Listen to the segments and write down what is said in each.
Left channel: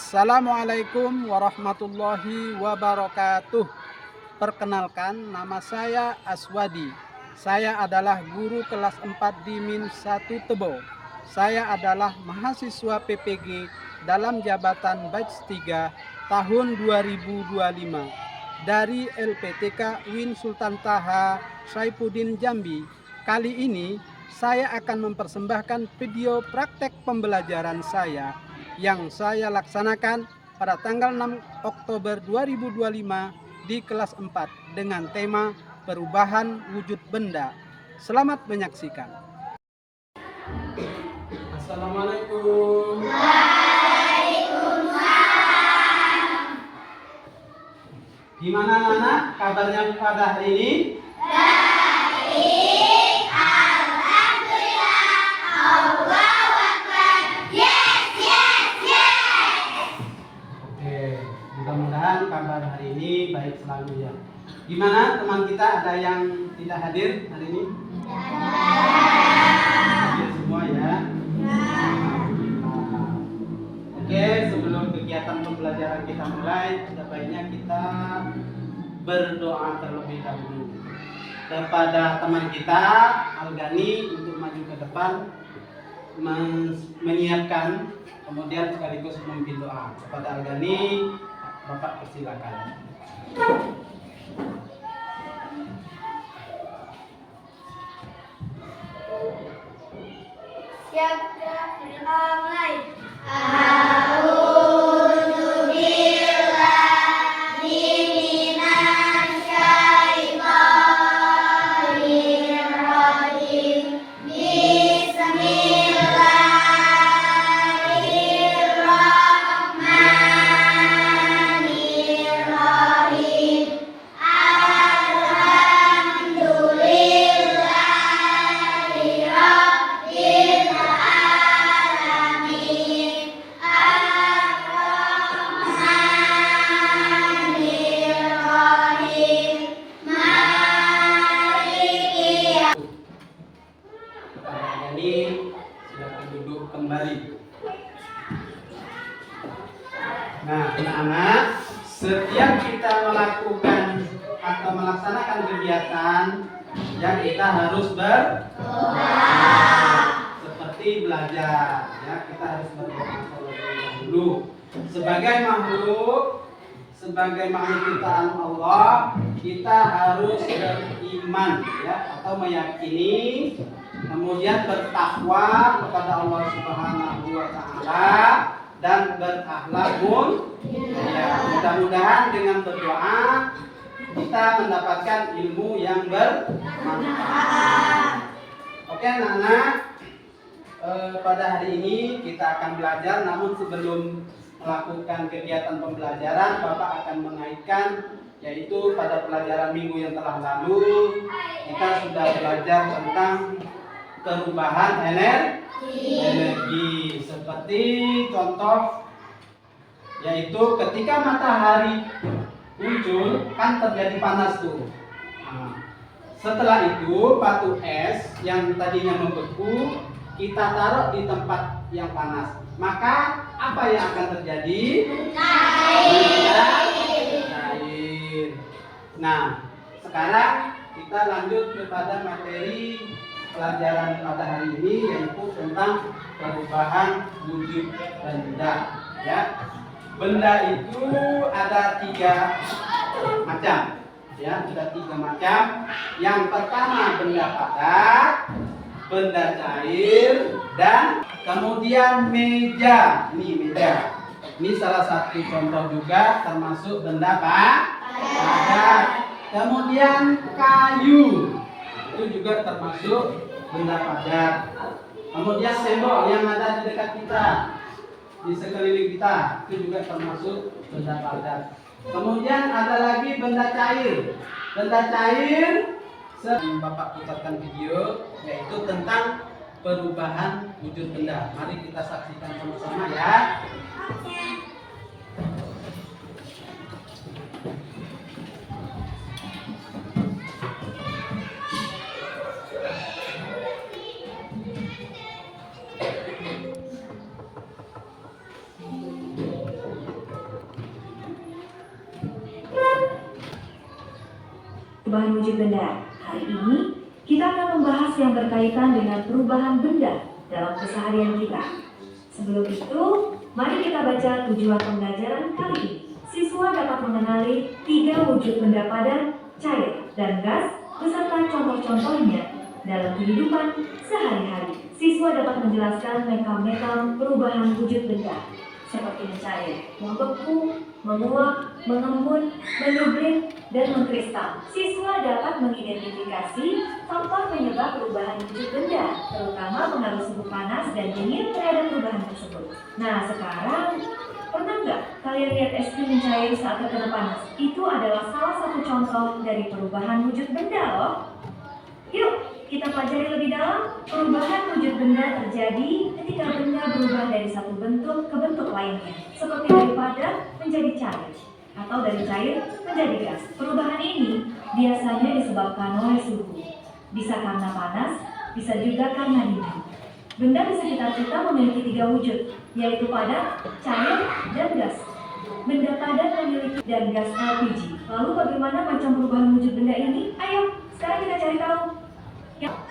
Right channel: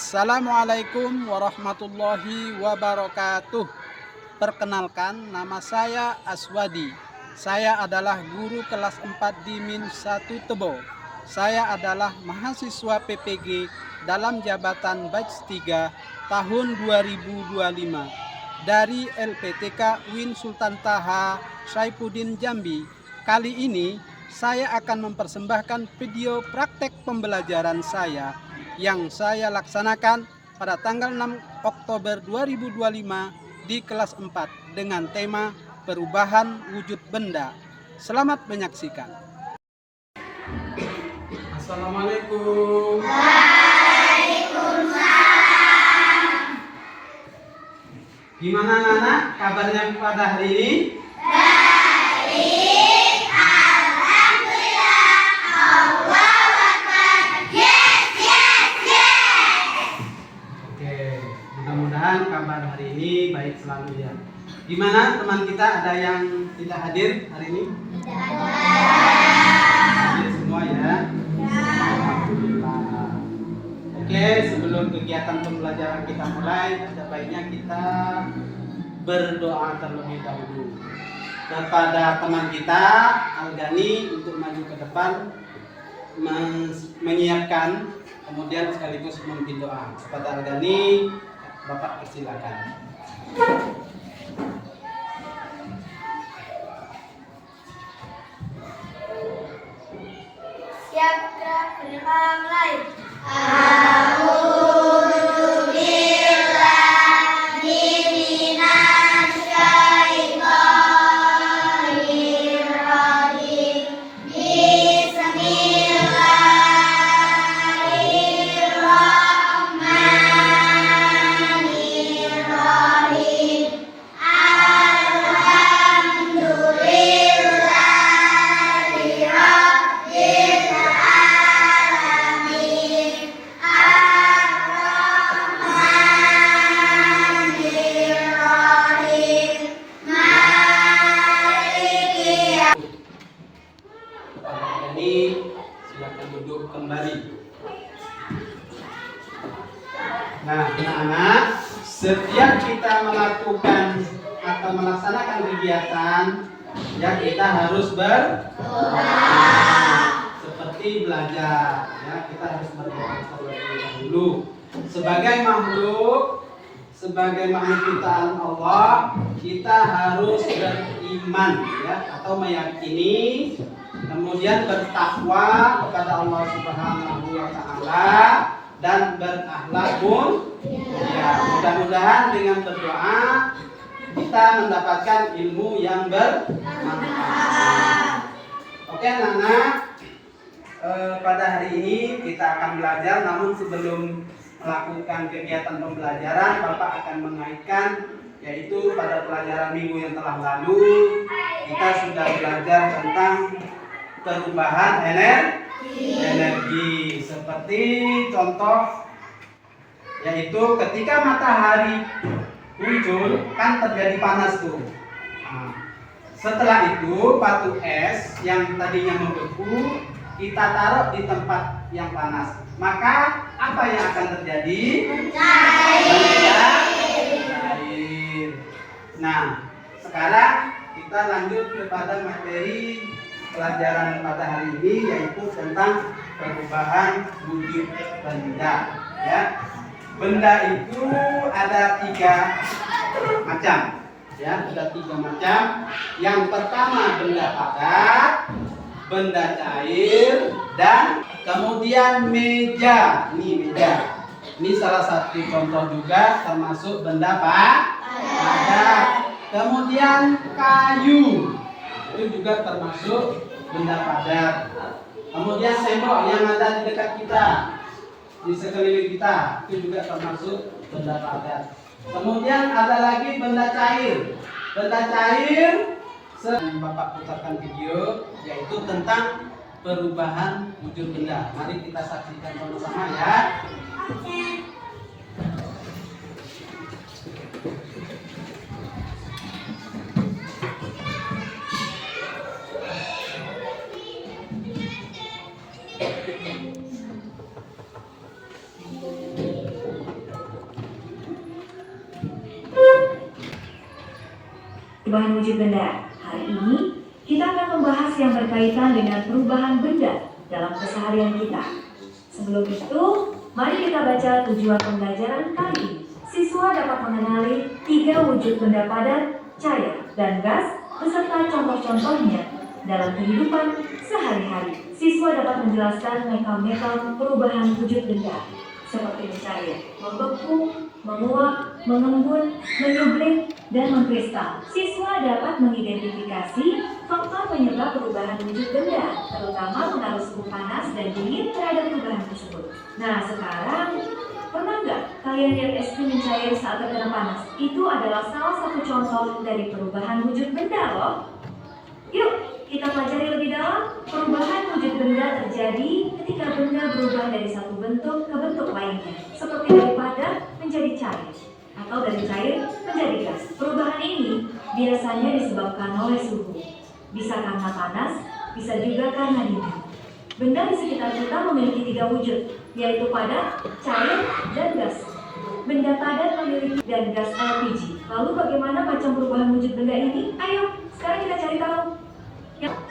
Assalamualaikum warahmatullahi wabarakatuh. Perkenalkan, nama saya Aswadi. Saya adalah guru kelas 4 di Min 1 Tebo. Saya adalah mahasiswa PPG dalam jabatan batch 3 tahun 2025 dari LPTK Win Sultan Taha Saifuddin Jambi. Kali ini saya akan mempersembahkan video praktek pembelajaran saya yang saya laksanakan pada tanggal 6 Oktober 2025 di kelas 4 dengan tema perubahan wujud benda. Selamat menyaksikan. Assalamualaikum. Waalaikumsalam. Gimana anak-anak kabarnya pada hari ini? Baik, alhamdulillah. Allahu Akbar. Yes, yes, yes. Oke, mudah-mudahan kabar hari ini baik selalu ya. Gimana teman kita, ada yang tidak hadir hari ini? Hadir semua ya. Alhamdulillah. Oke, sebelum kegiatan pembelajaran kita mulai, ada baiknya kita berdoa terlebih dahulu kepada teman kita Algani untuk maju ke depan menyiapkan, kemudian sekaligus memimpin doa. Kepada Algani, Bapak persilakan. Siap, gerak, mulai. A'udzu billahi minasy syaithanir rajim. Bismillahirrahmanirrahim. Alhamdulillahi rabbil alamin. Ar-Rahmanirrahim. Maliki Kepada Algani, silakan duduk kembali. Nah, anak-anak, setiap kita melakukan atau melaksanakan kegiatan, ya kita harus seperti belajar, ya kita harus berdoa terlebih dahulu. Sebagai makhluk ciptaan Allah, kita harus beriman, ya, atau meyakini, kemudian bertakwa kepada Allah Subhanahu wa Ta'ala, dan berakhlak mulia. Mudah-mudahan dengan berdoa kita mendapatkan ilmu yang bermanfaat. Oke anak-anak, pada hari ini kita akan belajar, namun sebelum melakukan kegiatan pembelajaran, Bapak akan mengaitkan, yaitu pada pelajaran minggu yang telah lalu kita sudah belajar tentang perubahan energi, seperti contoh, yaitu ketika matahari muncul kan terjadi panas tuh. Nah, setelah itu batu es yang tadinya membeku kita taruh di tempat yang panas, maka apa yang akan terjadi? Cair. Nah, sekarang kita lanjut kepada materi pelajaran pada hari ini, yaitu tentang perubahan wujud benda. Ya, benda itu ada 3 macam. Ya, ada 3 macam. Yang pertama benda padat, benda cair, dan kemudian meja. Ini meja. Ini salah satu contoh juga termasuk benda padat. Kemudian kayu, itu juga termasuk benda padat. Kemudian tembok yang ada di dekat kita, di sekeliling kita, itu juga termasuk benda padat. Kemudian ada lagi benda cair. Benda cair, Bapak putarkan video, yaitu tentang perubahan wujud benda. Mari kita saksikan sama-sama ya. Perubahan wujud benda. Hari ini kita akan membahas yang berkaitan dengan perubahan benda dalam keseharian kita. Sebelum itu, mari kita baca tujuan pembelajaran kali ini. Siswa dapat mengenali 3 wujud benda padat, cair, dan gas beserta contoh-contohnya dalam kehidupan sehari-hari. Siswa dapat menjelaskan mekanisme perubahan wujud benda seperti mencair, membeku, menguap, mengembun, menyublim, dan mengkristal. Siswa dapat mengidentifikasi faktor penyebab perubahan wujud benda, terutama pengaruh suhu panas dan dingin terhadap perubahan tersebut. Nah, sekarang pernah nggak kalian lihat es krim mencair saat terkena panas? Itu adalah salah satu contoh dari perubahan wujud benda loh. Yuk, kita pelajari lebih dalam. Perubahan wujud benda terjadi ketika benda berubah dari satu bentuk ke bentuk lainnya, seperti dari padat menjadi cair, atau dari cair menjadi gas. Perubahan ini biasanya disebabkan oleh suhu. Bisa karena panas, bisa juga karena dingin. Benda di sekitar kita memiliki 3 wujud, yaitu padat, cair, dan gas. Benda padat memiliki dan gas LPG. Lalu bagaimana macam perubahan wujud benda ini? Ayo, sekarang kita cari tahu.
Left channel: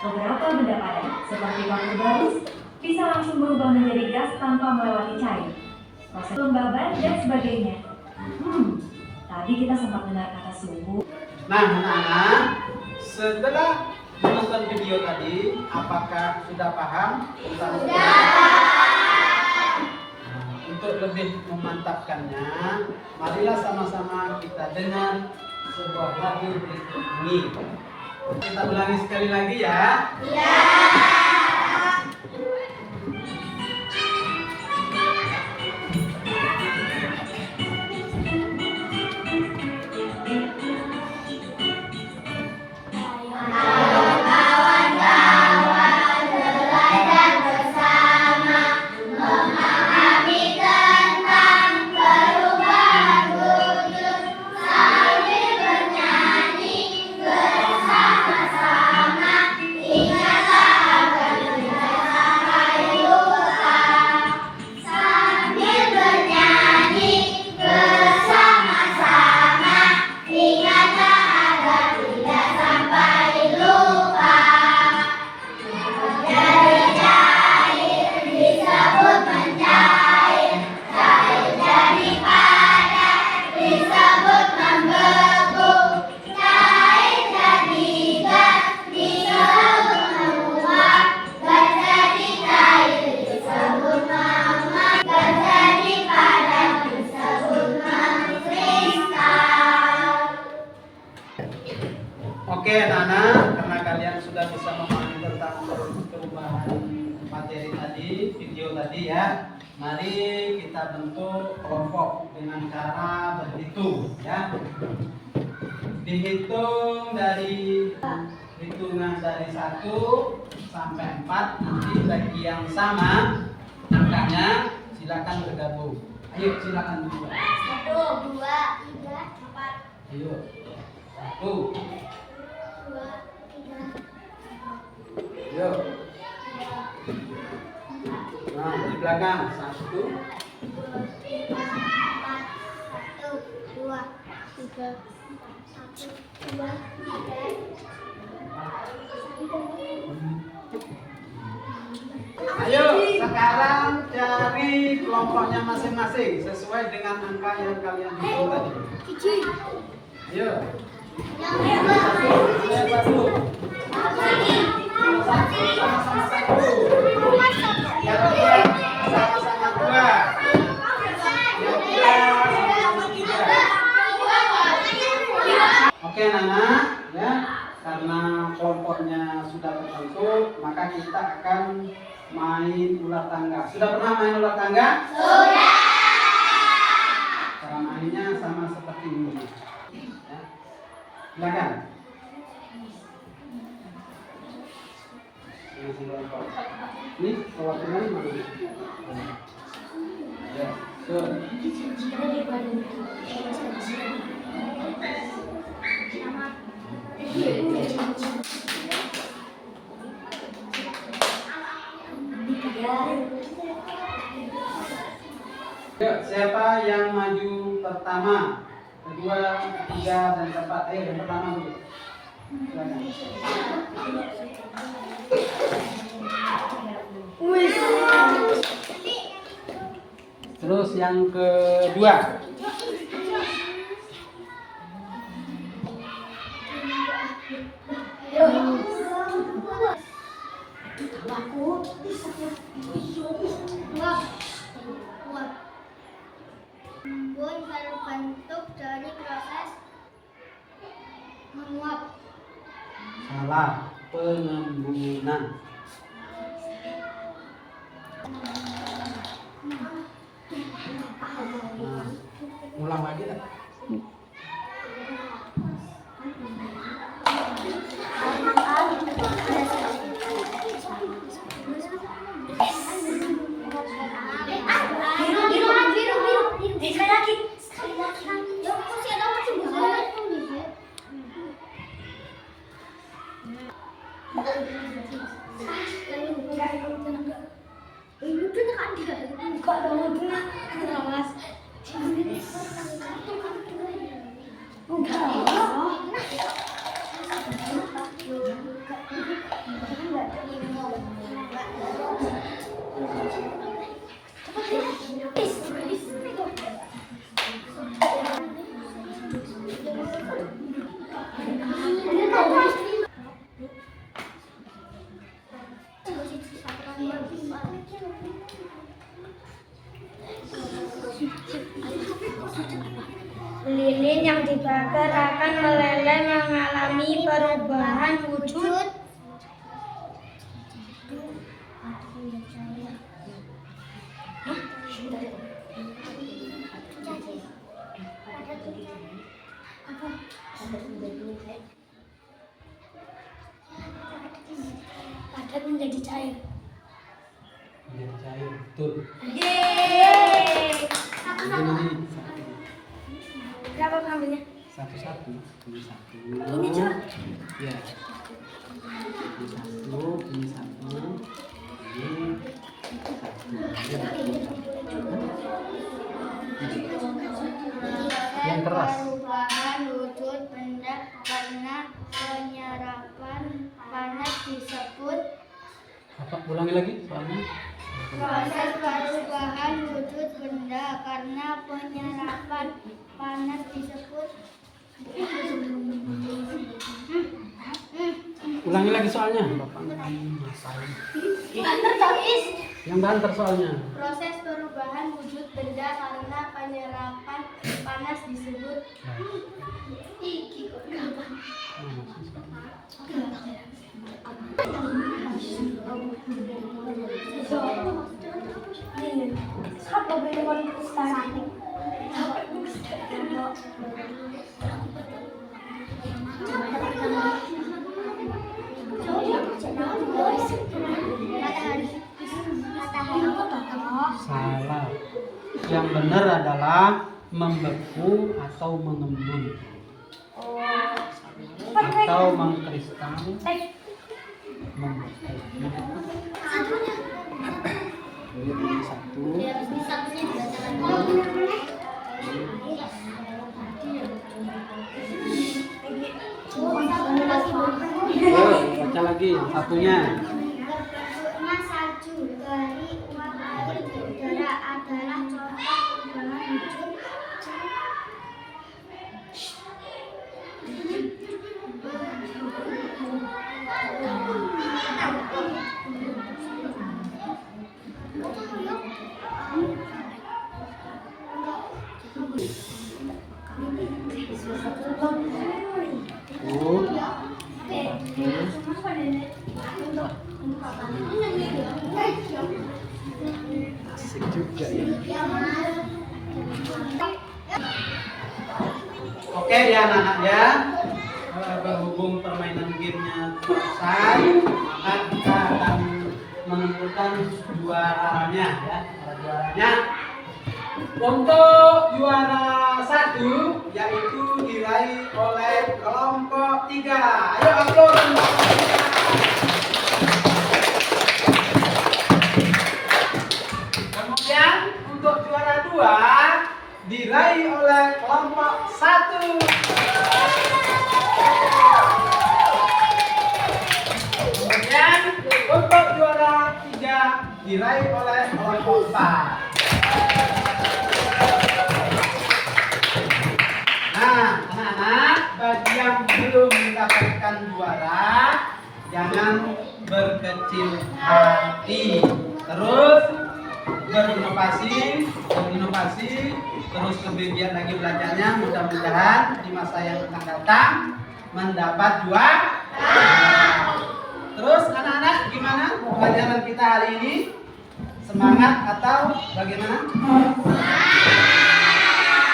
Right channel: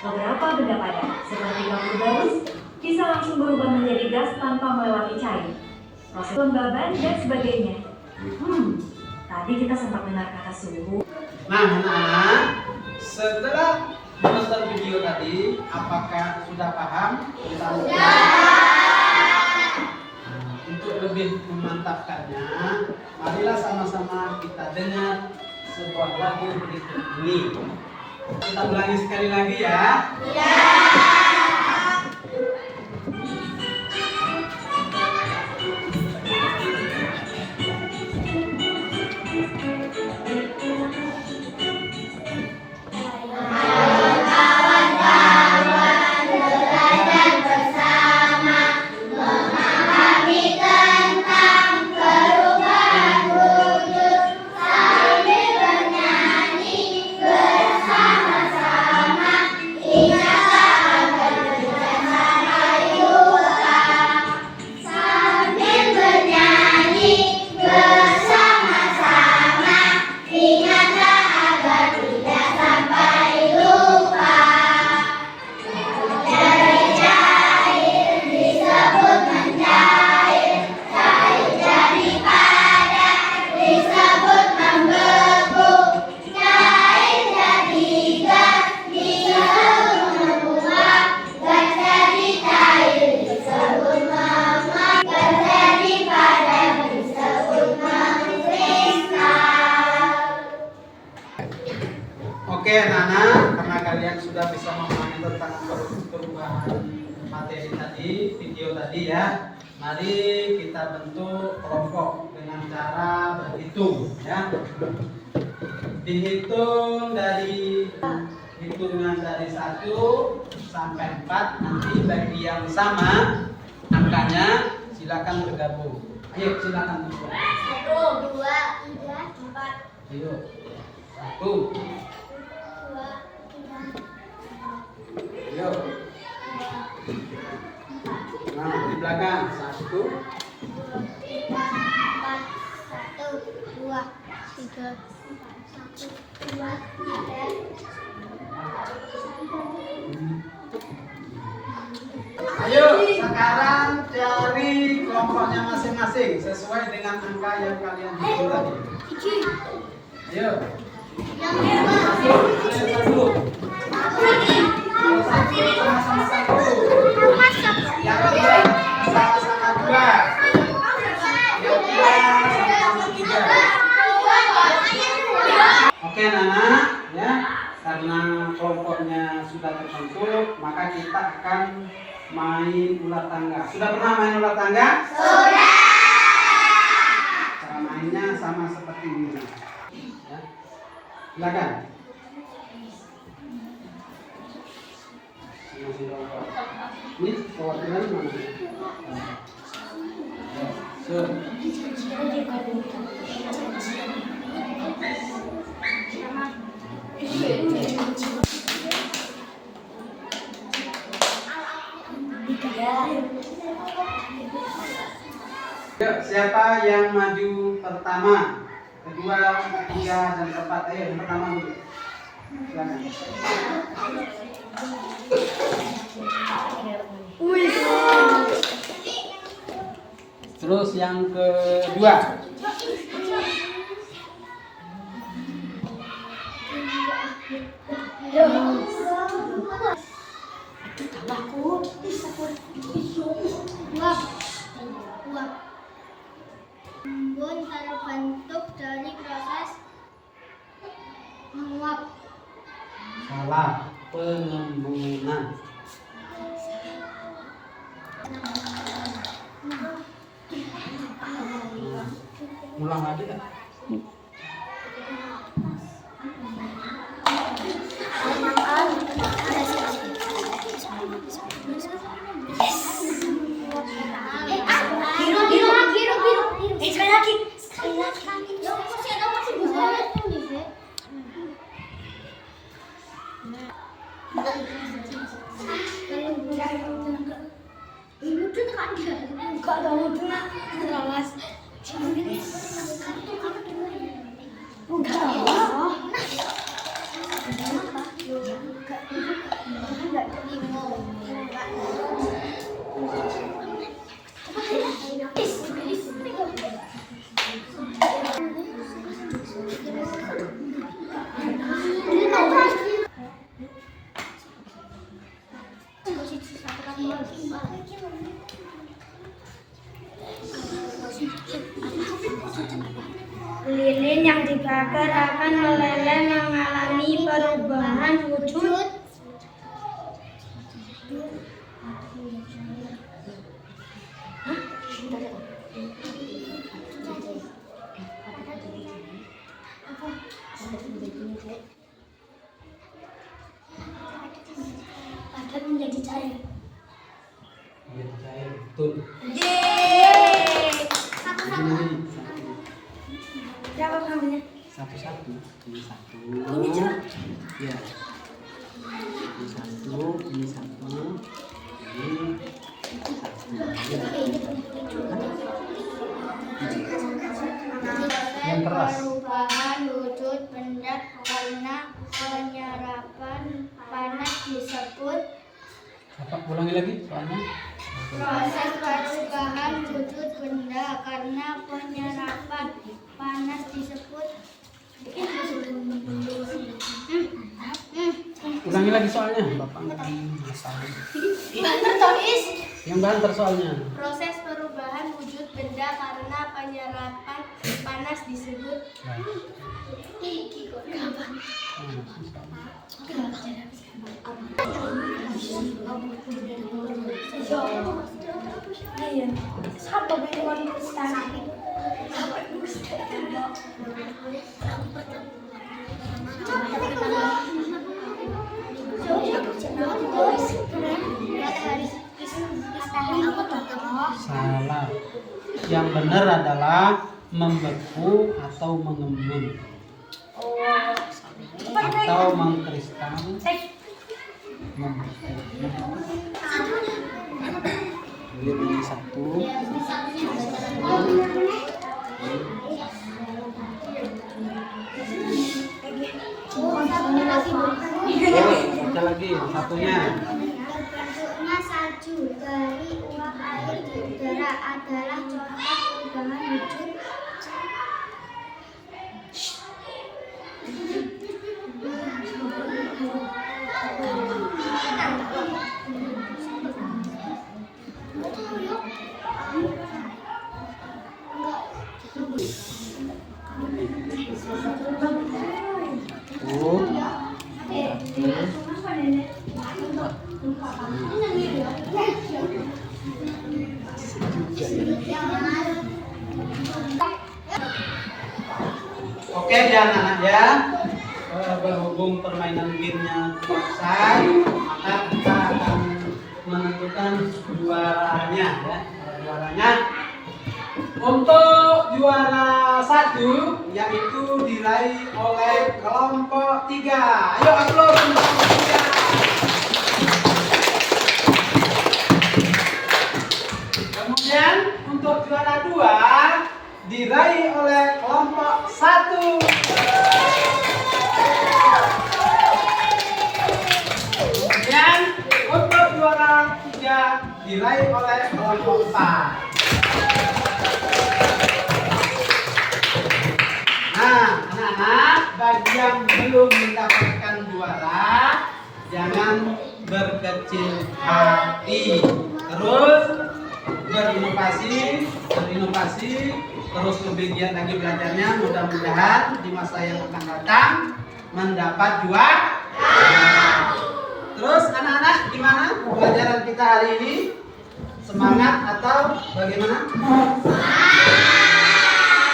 Beberapa benda padat, seperti kapur barus, bisa langsung berubah menjadi gas tanpa melewati cair. Proses kelembaban dan sebagainya. Tadi kita sempat dengar kata suhu. Nah, anak-anak, setelah menonton video tadi, apakah sudah paham? Untuk lebih memantapkannya, marilah sama-sama kita dengar sebuah lagu berikut ini. Kita ulangi sekali lagi ya. Oke, Nana, karena kalian sudah bisa memahami tentang perubahan materi tadi, video tadi ya. Mari kita bentuk kelompok dengan cara berhitung ya. Dihitung dari hitungan dari 1 sampai 4, nanti bagi yang sama angkanya silakan bergabung. Ayo silakan berdua. 1, 2, 3, 4. Ayo. 1. 2, 3, 4. Ayo. Nah, di belakang 1, 3, 4. 1, 2, 3, 1, 2, 3. Ayo, sekarang cari kelompoknya masing-masing sesuai dengan angka yang kalian hitung tadi. Ayo. Yang hebat. Ayo, 1. Sama-sama 1. Yang 2 sama-sama 2. Yang 3 sama-sama 3. Oke, Nana, ya. Karena kelompoknya sudah terbentuk, maka kita akan main ular tangga. Sudah pernah main ular tangga? Sudah. Cara mainnya sama seperti ini. Ya. Silakan. Ini perwakilan mana? Ya, sur. Yuk, siapa yang maju pertama? kedua, ketiga, dan keempat. Ayo yang pertama dulu. Silakan. Terus yang kedua. Uap. Uap. Embun terbentuk dari proses menguap. Salah. Pengembunan. Ulang lagi ya. Biru. Sekali lagi. Ya, masih ada masih bisa. Lilin yang dibakar akan meleleh mengalami perubahan wujud. Padat menjadi cair. Menjadi cair. Betul. Yeay. Ini. Berapa ngambilnya? Satu-satu. Ini satu. Ini coba. Ya. Ini satu. Ini satu. Ini satu. Yang keras. Perubahan wujud benda karena penyerapan panas disebut Apa? Ulangi lagi soalnya. proses perubahan wujud benda karena penyerapan panas disebut Ulangi lagi soalnya. Bapak nggak hafal. tertulis. Yang banter soalnya. Proses perubahan wujud benda karena penyerapan panas disebut Satu dengan ustaz. Salah. Yang benar adalah membeku atau mengembun atau mengkristal. Membeku. Ini satu. Baca lagi satunya. Terbentuknya salju dari uap air di udara adalah contoh perubahan wujud Oke ya anak-anak ya, berhubung permainan gamenya selesai, maka kita akan menentukan juaranya ya. Juaranya untuk juara 1 yaitu diraih oleh kelompok 3. Ayo aplaus untuk kelompok 3. Kemudian untuk juara 2 diraih oleh kelompok 1. Kemudian untuk juara 3 diraih oleh kelompok 4. Nah, anak-anak, bagi yang belum mendapatkan juara, jangan berkecil hati. Terus berinovasi, terus lebih giat lagi belajarnya. Mudah-mudahan di masa yang akan datang mendapat juara. Terus anak-anak, gimana pelajaran kita hari ini? Semangat atau bagaimana?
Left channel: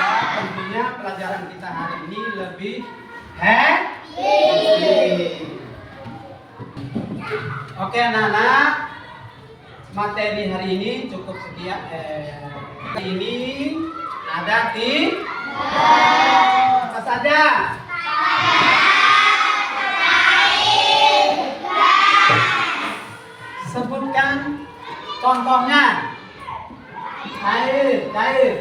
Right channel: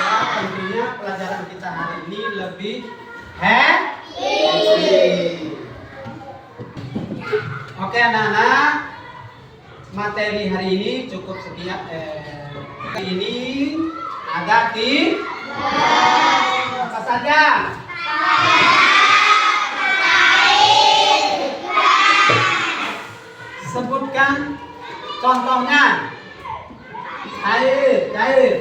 Ya, tentunya pelajaran kita hari ini lebih happy. Oke anak-anak, materi hari ini cukup sekian. Hari ini ada apa saja? Sebutkan contohnya. Cair.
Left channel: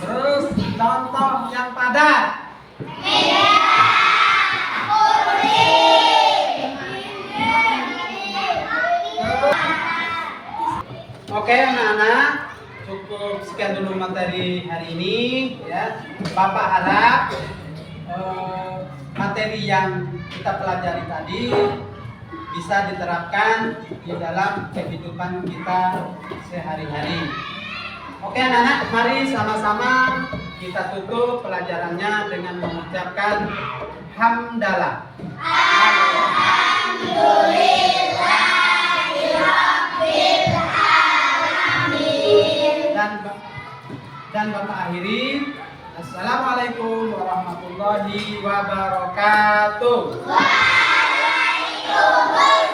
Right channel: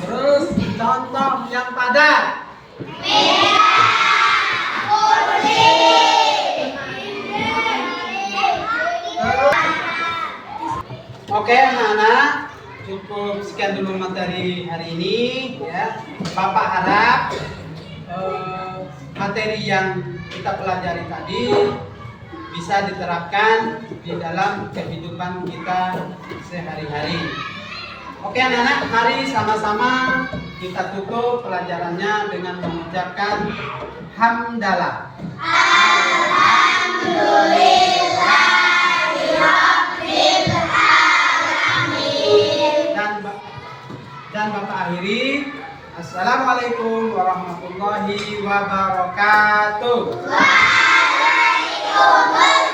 Terus contoh yang padat. Oke anak-anak, cukup sekian dulu materi hari ini ya. Bapak harap materi yang kita pelajari tadi bisa diterapkan di dalam kehidupan kita sehari-hari. Oke anak-anak, mari sama-sama kita tutup pelajarannya dengan mengucapkan hamdalah. Dan Bapak akhiri, Assalamualaikum warahmatullahi wabarakatuh. Waalaikumsalam.